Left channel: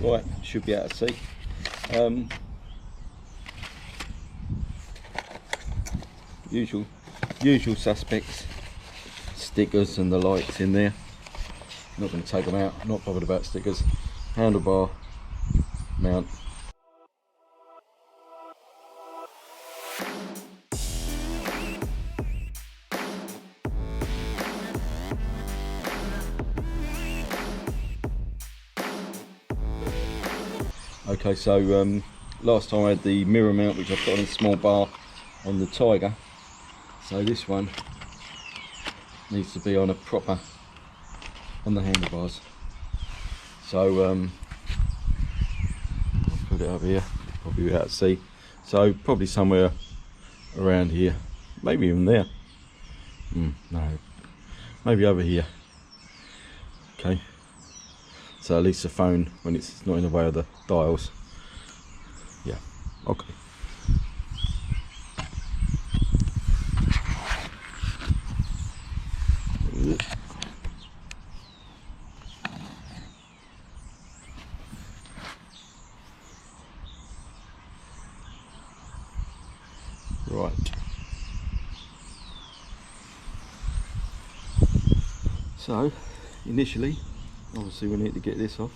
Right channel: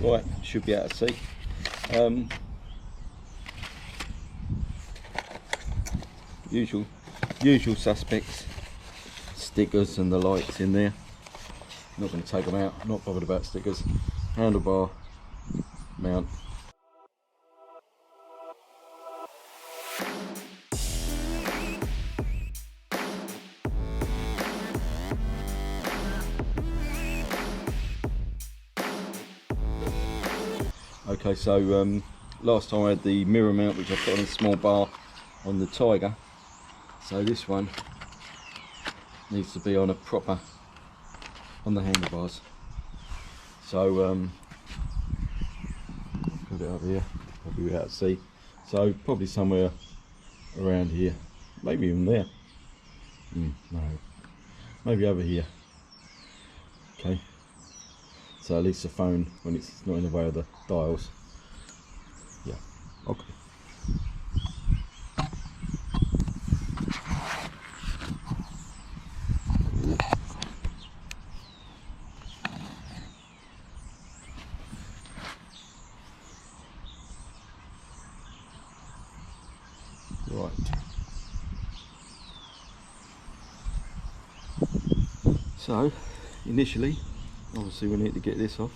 Right, should be able to see. Usual suspects, stickers and the lights in there. Not going to take them out, not bothered about stickers. Handlebar mount. Okay, so last time I had the mirror mount, which I put on a small bar on the Tiger. So this one needs to be on a proper, on the handlebars. So I'll put it up here, probably without to see. So probably somewhere around here, maybe even there. No, maybe over here. Okay. So at least the phone, when it's not in the way of the dials. Yeah, okay. Right. So, initially, obviously we need to get this off.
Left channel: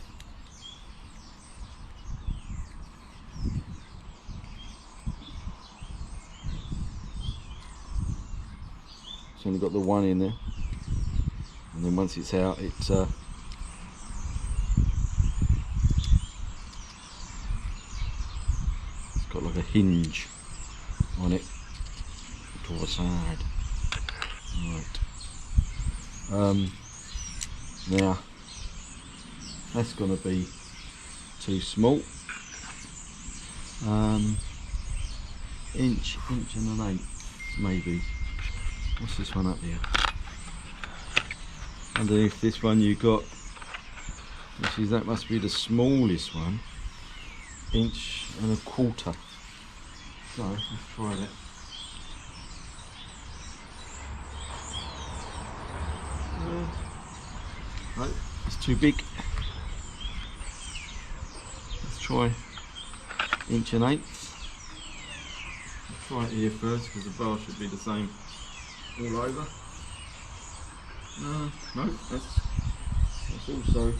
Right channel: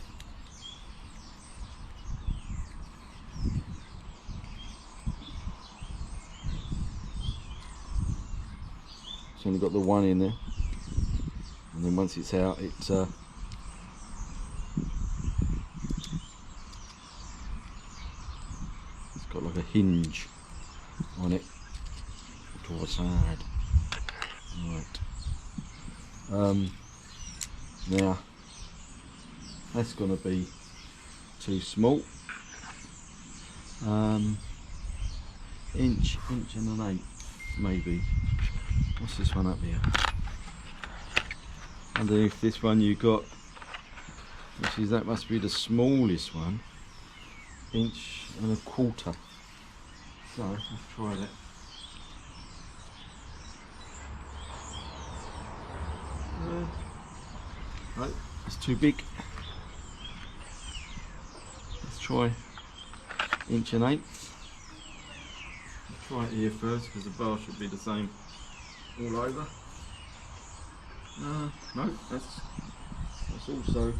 It's only got the one in there, and then once it's out, it's got like a hinge on it to the side. Right. Now that's going to be too small. Inch and an eighth maybe. What's this one up here? Underneath this one you got, which is, that must be the smallest one, 1.25 inches. So let's try that. No, it's too big. Let's try 1.8 inches. Let's try it here first, because the bar should be the same all over. No, that's also.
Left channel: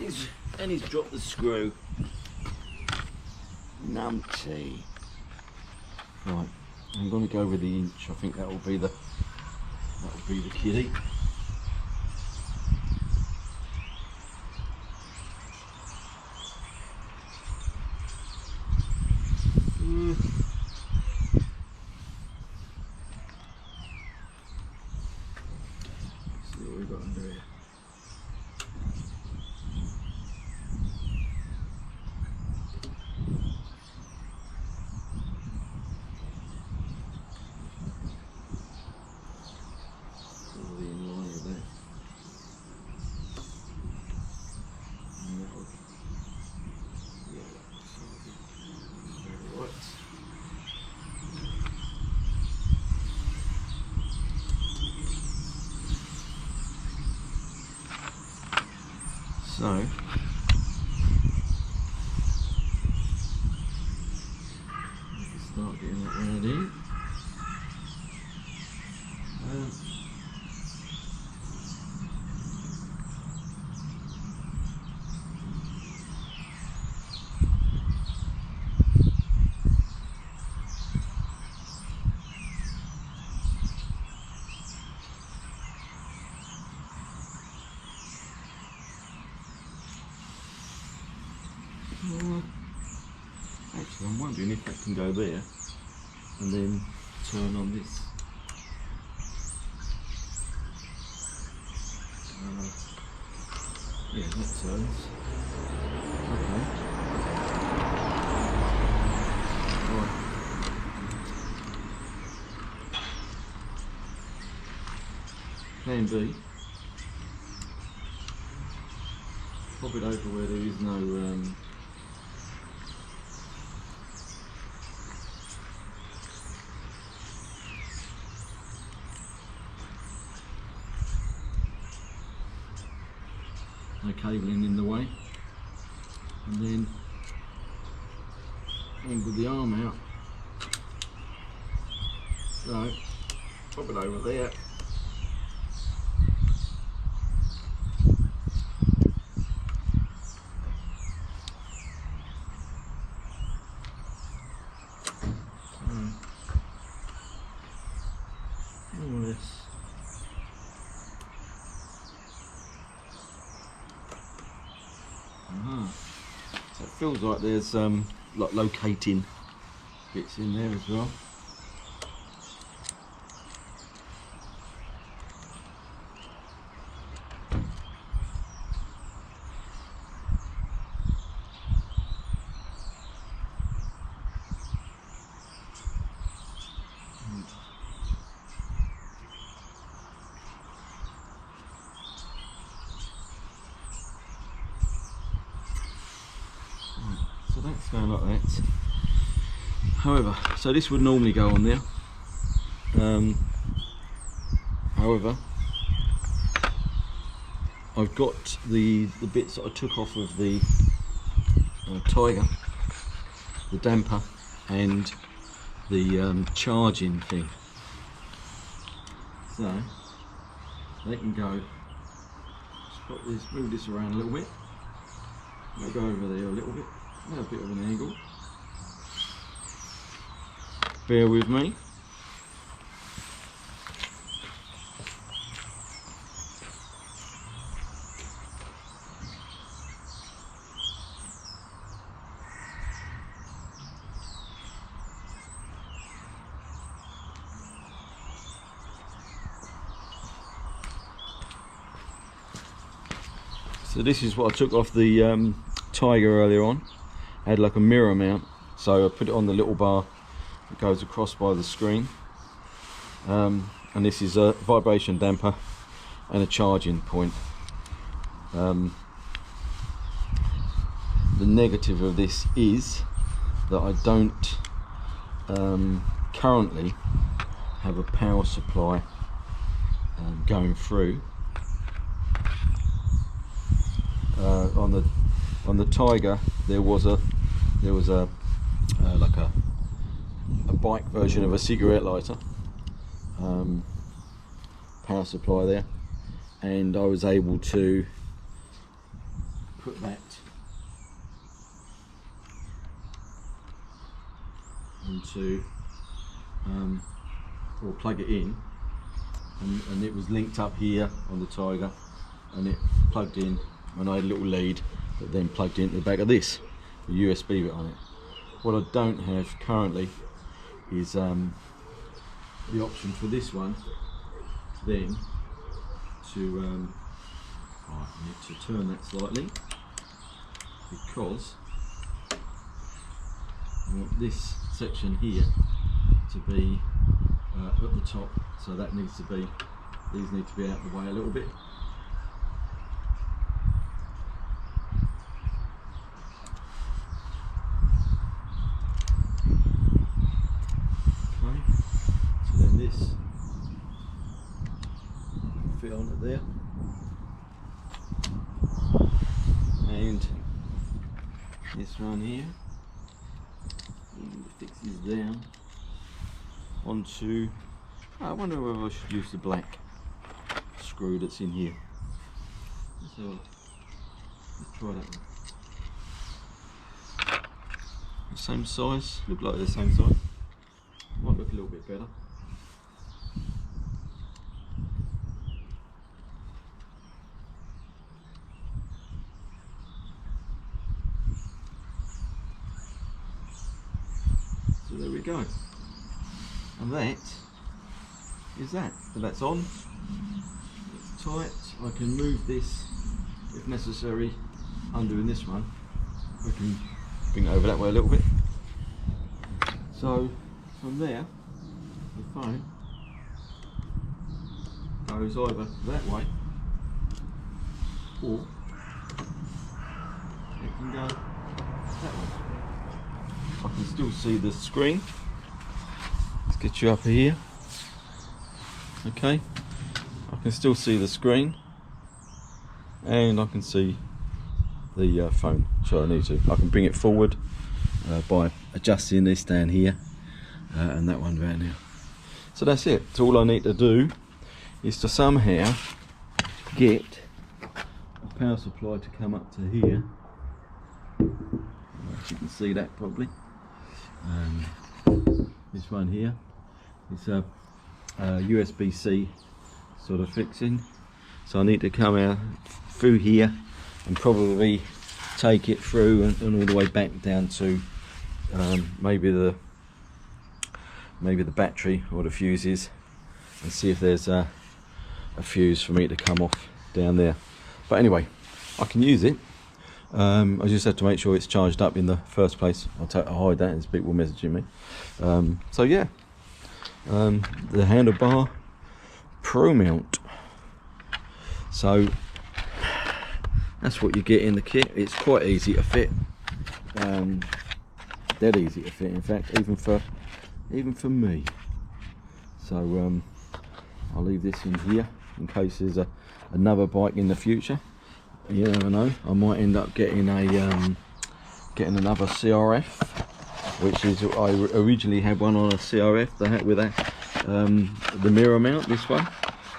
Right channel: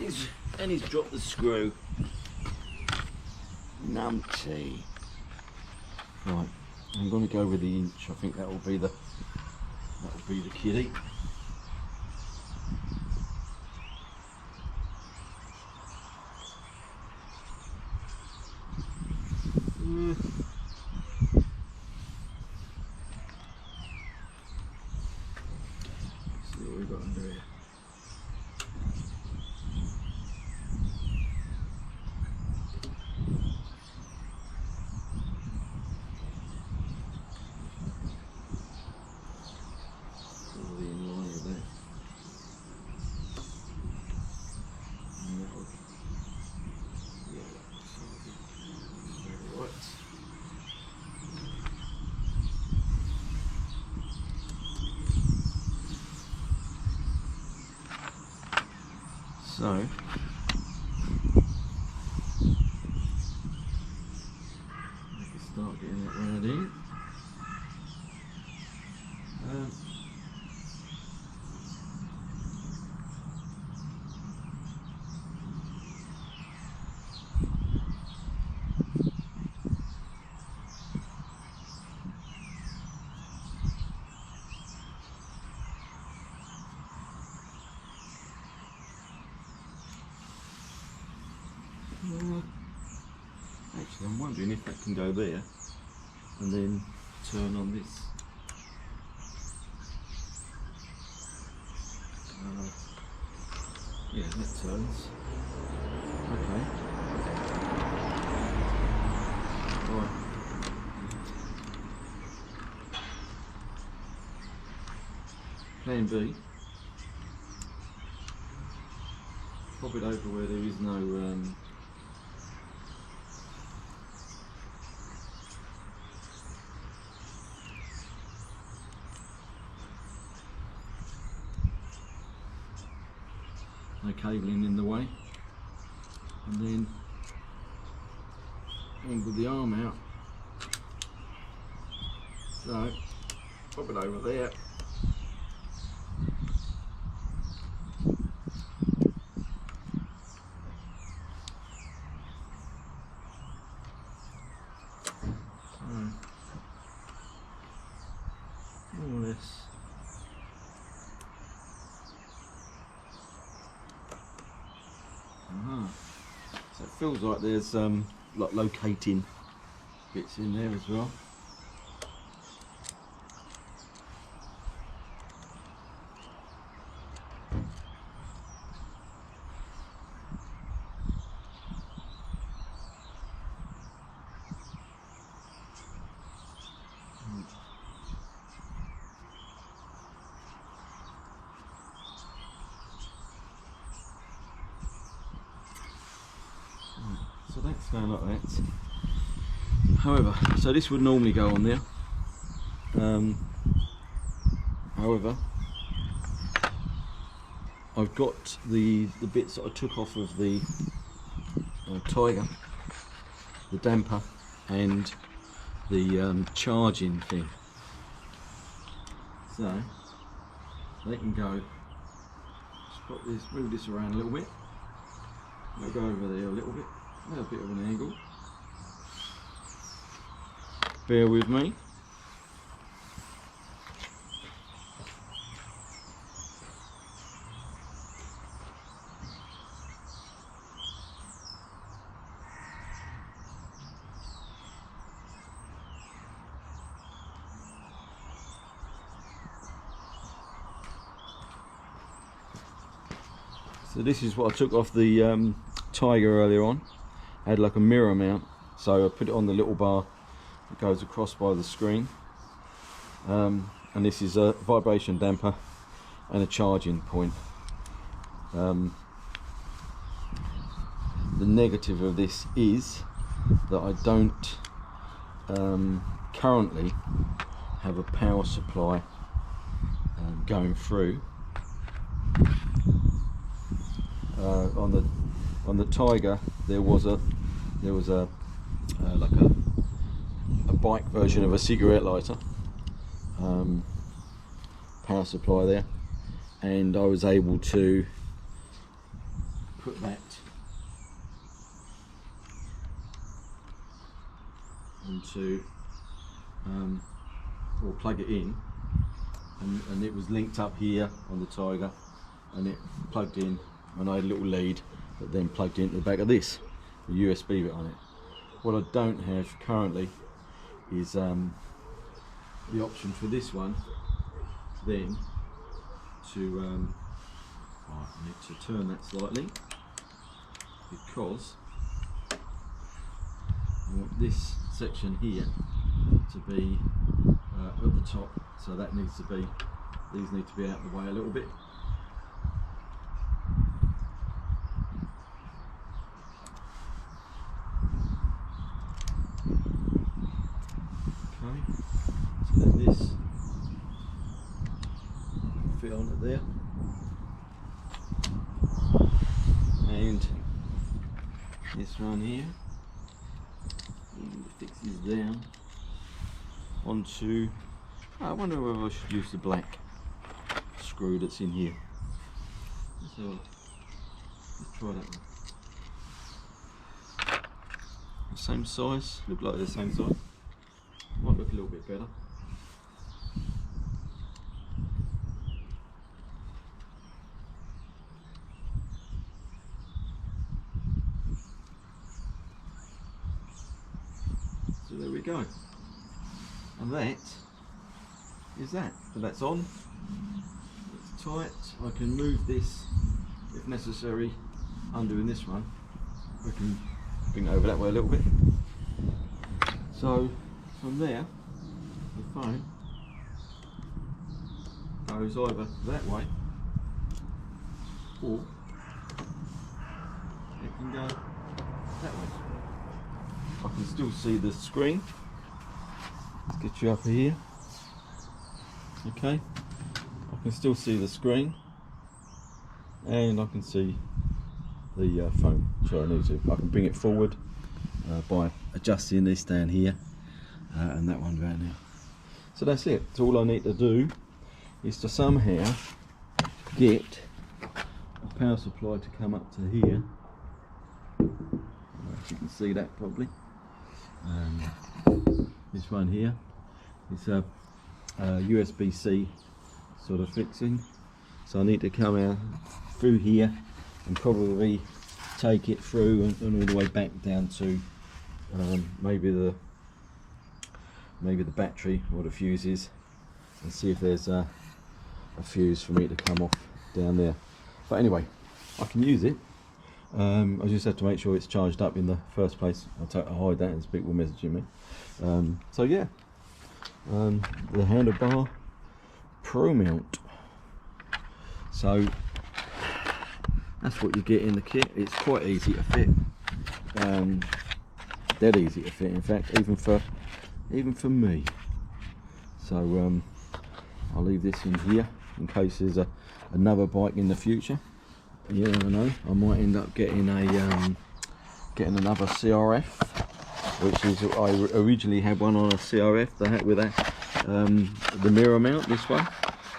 He's dropped the screw. Numpty. Right, I'm going to go with the inch. I think that will be the kitty. See what we've got under here. So we can start getting that round in. Actually, I'm wondering if that can go there and then turn on this. Yeah, that turns. Okay. Right. Plan B. Pop it over where there is no no cabling in the way, and then angle the arm out, so pop it over there. All this. So it feels like there's like locating bits in there as well. So that's going like that. However, so this would normally go on there. However, I've got the bits that I took off of the Tiger, the damper and the charging thing. So they can go. Just put this, move this around a little bit. I'll go over there a little bit. A bit of an angle. Bear with me. So this is what I took off the Tiger earlier on. I had like a mirror mount, so I put it on the little bar that goes across by the screen, and this is a vibration damper and a charging point. The negative of this is that I don't currently have a power supply going through. On the Tiger there was a like a bike version of a cigarette lighter power supply there, and I was able to put that into or plug it in, and it was linked up here on the Tiger, and it plugged in, and I had a little lead that then plugged into the back of this, a USB bit on it. What I don't have currently is the option for this one then to I need to turn that slightly, because I want this section here to be at the top, so that needs to be, these need to be out of the way a little bit. This fit on it there, and this one here fixes down onto, I wonder whether I should use the black screw that's in here. So let's try that one. The same size, look like the same size, might look a little bit better. So there we go, and that is that. So that's on, it's tight. I can move this if necessary, undoing this one. I can bring it over that way a little bit. So from there, the phone goes either that way, or it can go that way. I can still see the screen. Let's get you up here. Okay, I can still see the screen. and I can see the phone. So I can bring it forward by adjusting this down here and that one down here. So that's it. So all I need to do is to somehow get a power supply to come up to here. I don't know if you can see that probably. This one here is a USB-C sort of fixing. So I need to come out through here and probably take it through and all the way back down to maybe the battery or the fuses, and see if there's a fuse for me to come off down there. But anyway, I can use it. I just have to make sure it's charged up in the first place. I'll hide that as people messaging me. So yeah, the handlebar pro mount. So that's what you get in the kit. It's quite easy to fit, dead easy to fit in fact, even for me. So I'll leave this in here in case there's another bike in the future. You never know, I might end up getting getting another CRF, which is, I originally had one on a CRF with the mirror mount. This one,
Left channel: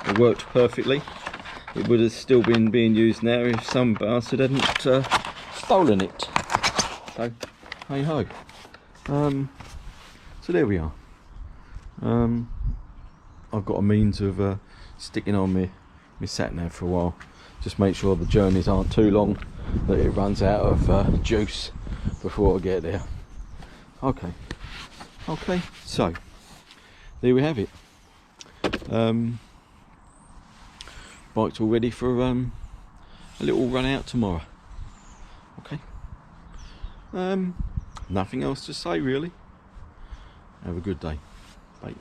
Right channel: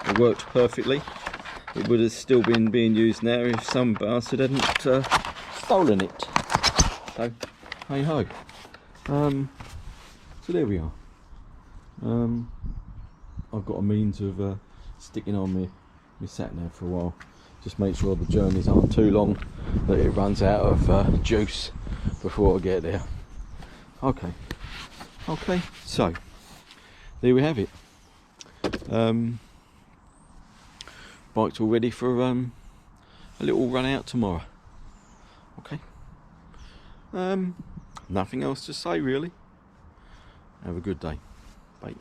it worked perfectly. It would have still been being used now if some bastard hadn't stolen it. So hey ho. So there we are. I've got a means of sticking on my sat nav for a while. Just make sure the journeys aren't too long, that it runs out of juice before I get there. Okay, so there we have it. Bike's all ready for a little run out tomorrow. Okay, nothing else to say really. Have a good day. Bye.